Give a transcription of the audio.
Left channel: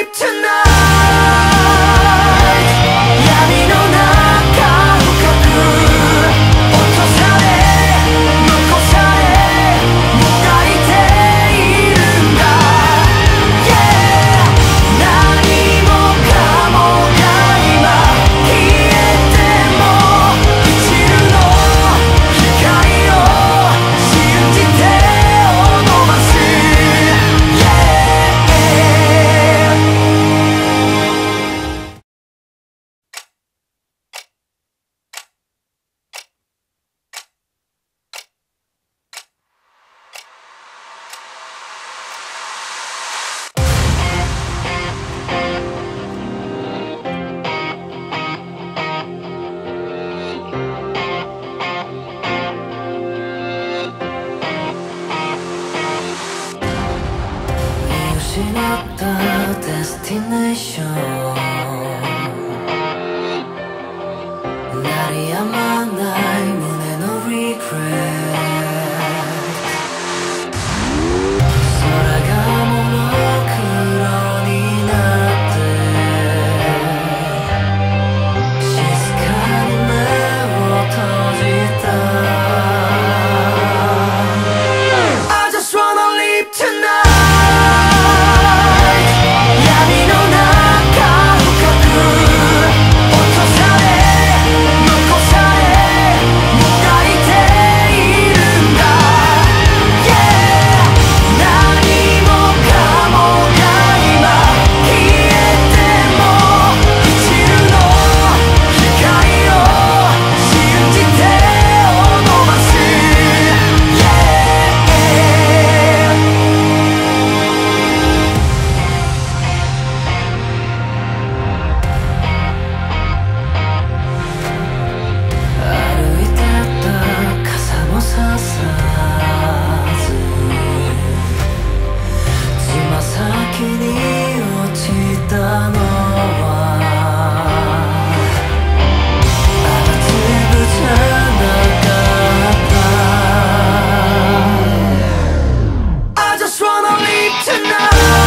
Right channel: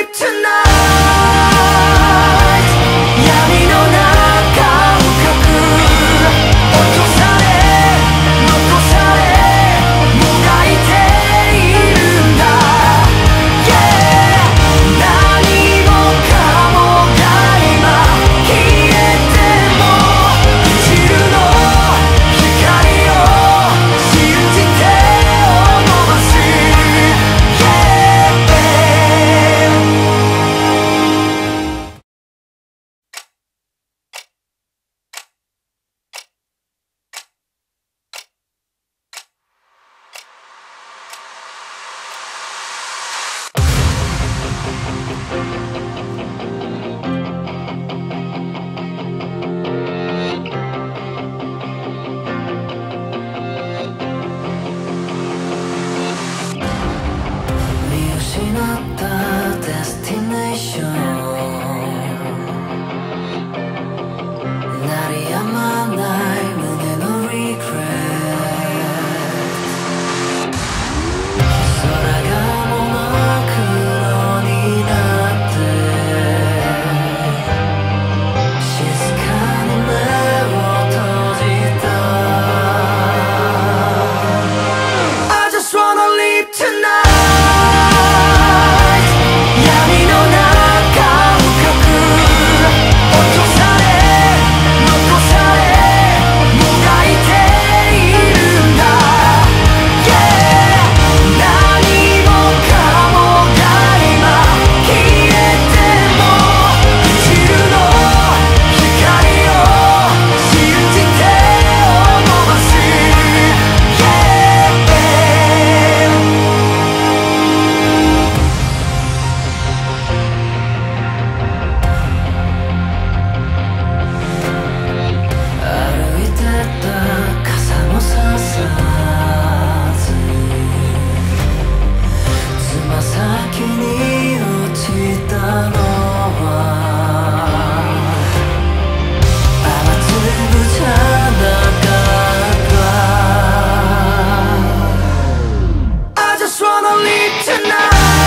leave tonight 闇の中深く落とされ残されもがいているんだ Yeah 何もかもが今消えても一縷の光を信じてを伸ばす Yeah 見失ったデスティネーション鳴り止まない胸のリグレット空がモノクロになって静かに目を閉じた I just wanna leave tonight 闇の中深く落とされ残されもがいているんだ Yeah 何もかもが今消えても一縷の光を信じてを伸ばす Yeah 歩いてた傘もささずつま先に落ちたのは雨粒じゃなかった I just wanna leave tonight